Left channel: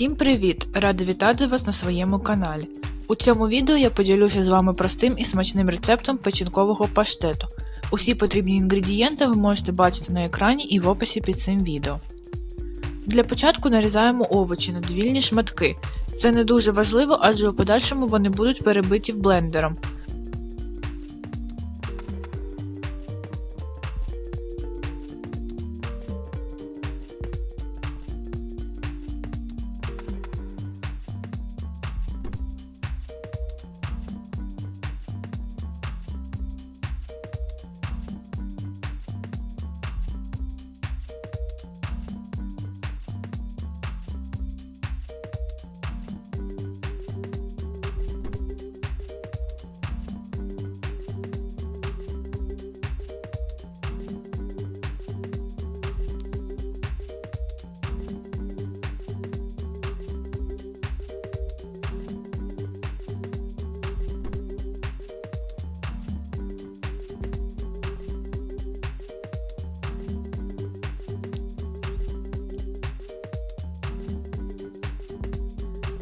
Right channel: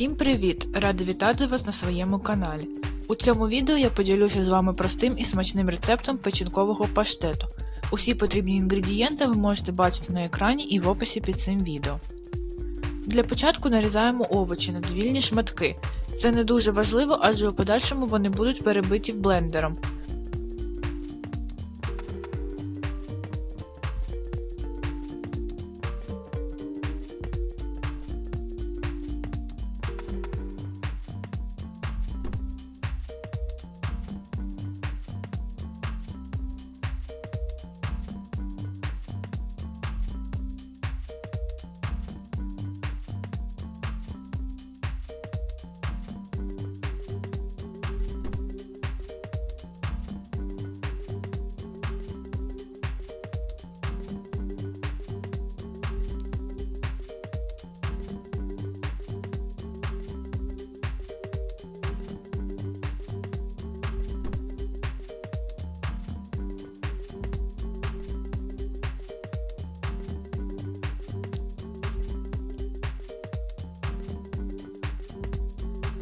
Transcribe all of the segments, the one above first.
Всім привіт! Рада вітати вас на своєму каналі. У цьому відео я поділюся з вами простим і смачним рецептом печінкового паштету. Усі потрібні інгредієнти ви можете бачити на екрані і в описі під цим відео. Для початку нарізаємо овочі на довільні шматки. Це не дуже важливо, адже у подальшому вони будуть перебиті блендером.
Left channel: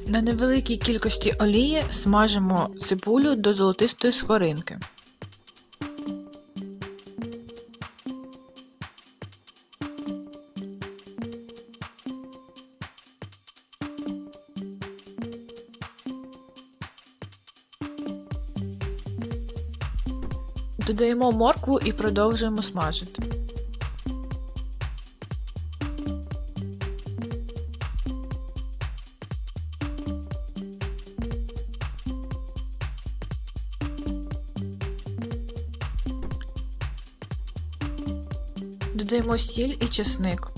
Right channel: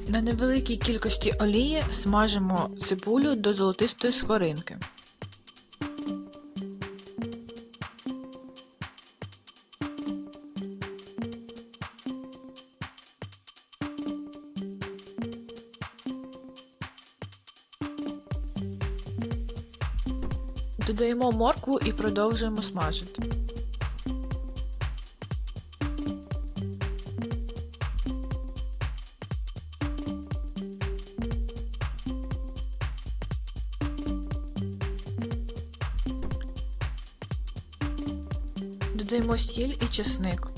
На невеликій кількості олії смажимо цибулю до золотистої скоринки. Додаємо моркву і продовжуємо смажити. Додаємо сіль і чесник.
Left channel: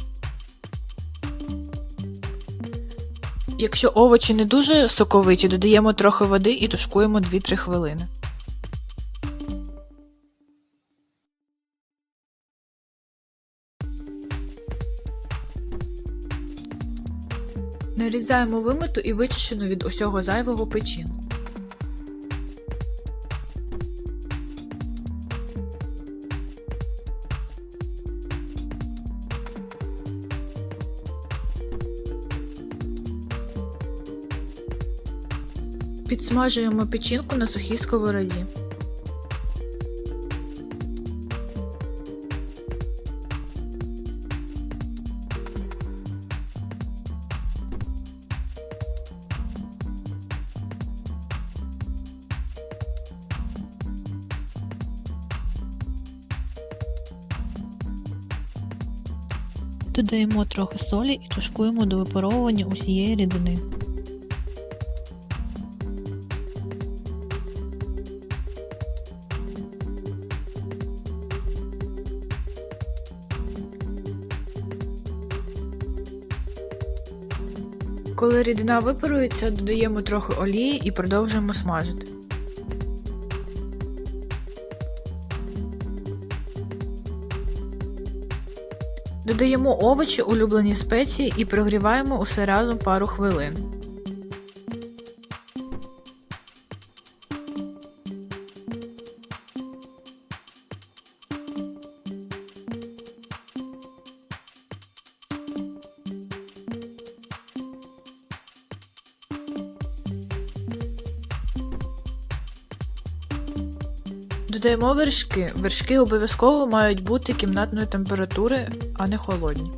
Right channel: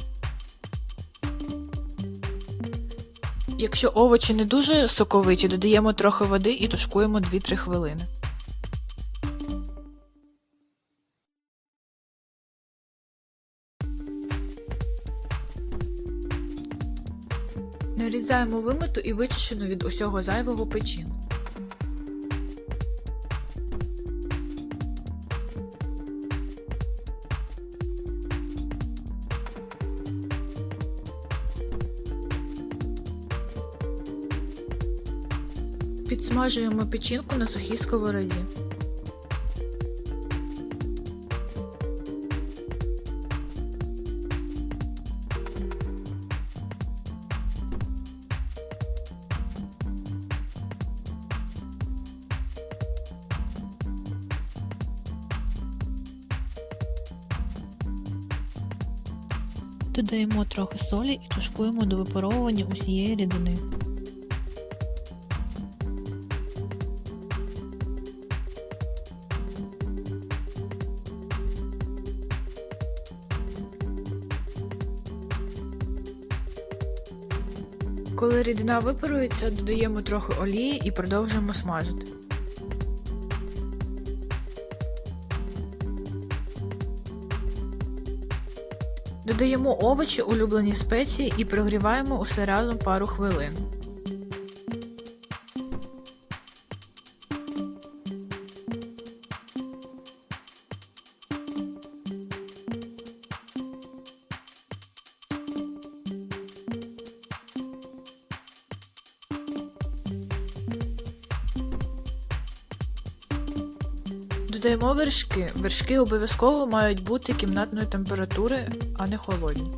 Якщо овочі не дуже соковиті, додаємо трохи води і тушкуємо 2-3 хвилини. Нарізаємо вимиту і вичищену від усього зайвого печінку. Підсмажуємо печінку на сухій сковороді. Додаємо трохи солі і тушкуємо до випаровування усієї рідини. Коли рідина випарується, додаємо трохи олії і продовжуємо смажити. Додаємо овочі, улюблені спеції і прогріваємо усе разом пару хвилин. Додаємо вершки. Вершки обов'язково мають бути кімнатної температури, а не холодні.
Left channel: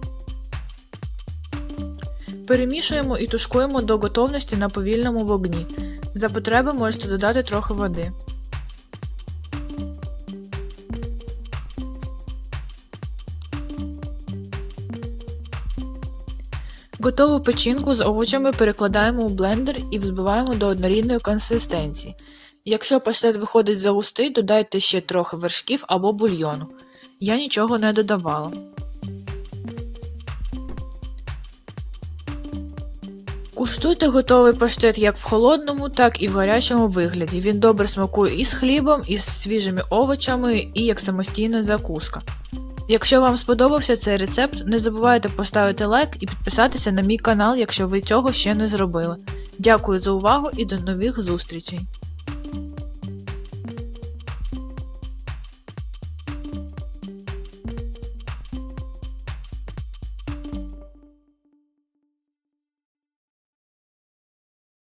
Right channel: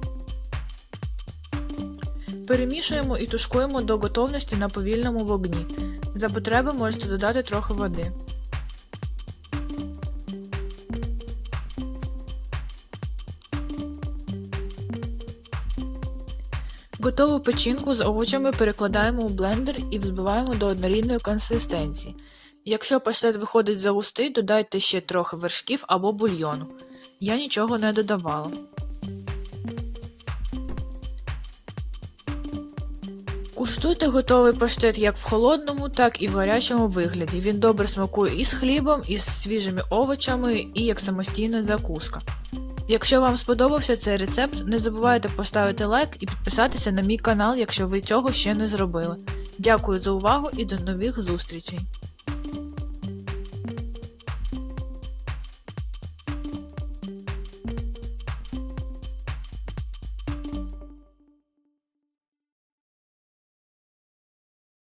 Перемішуємо і тушкуємо до готовності на повільному вогні. За потреби можете додати трохи води. Готову печінку з овочами перекладаємо у блендер і взбиваємо до однорідної консистенції. Якщо паштет виходить загустий, додайте ще трохи вершків або бульйону. Я нічого не додавала. Куштуйте готовий паштет як в холодному, так і в гарячому вигляді. Він добре смакує і з хлібом, і з свіжими овочами, і як самостійна закуска. Якщо вам сподобався цей рецепт, не забувайте поставити лайк і підписатися на мій канал, якщо ви цього ще не зробили. Дякую за увагу і до нових зустрічей!